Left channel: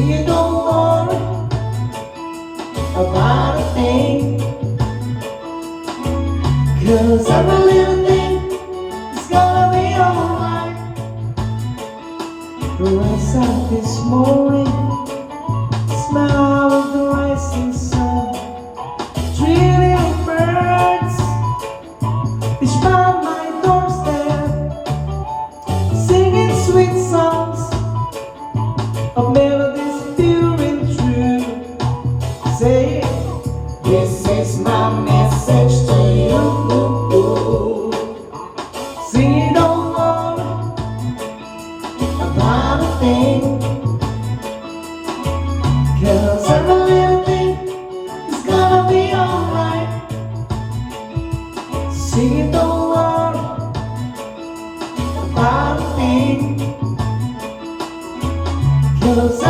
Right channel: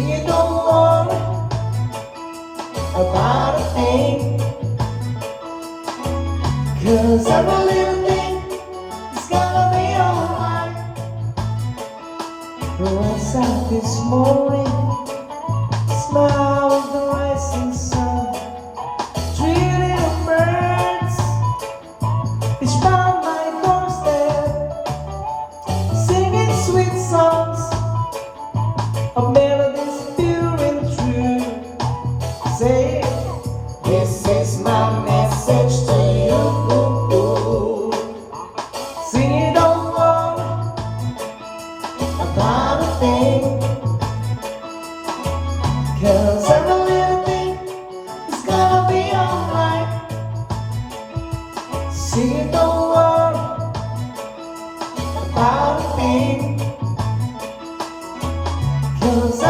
Singing, don't worry about a thing, 'cause every little thing is gonna be alright. Rise up this morning, smile of the rising sun. Three little birds each round my doorstep, singing sweet songs of melodies pure and true. Say, this is my message to you. Sing, don't worry about a thing, 'cause every little thing is gonna be alright. Sing, don't worry about a thing, 'cause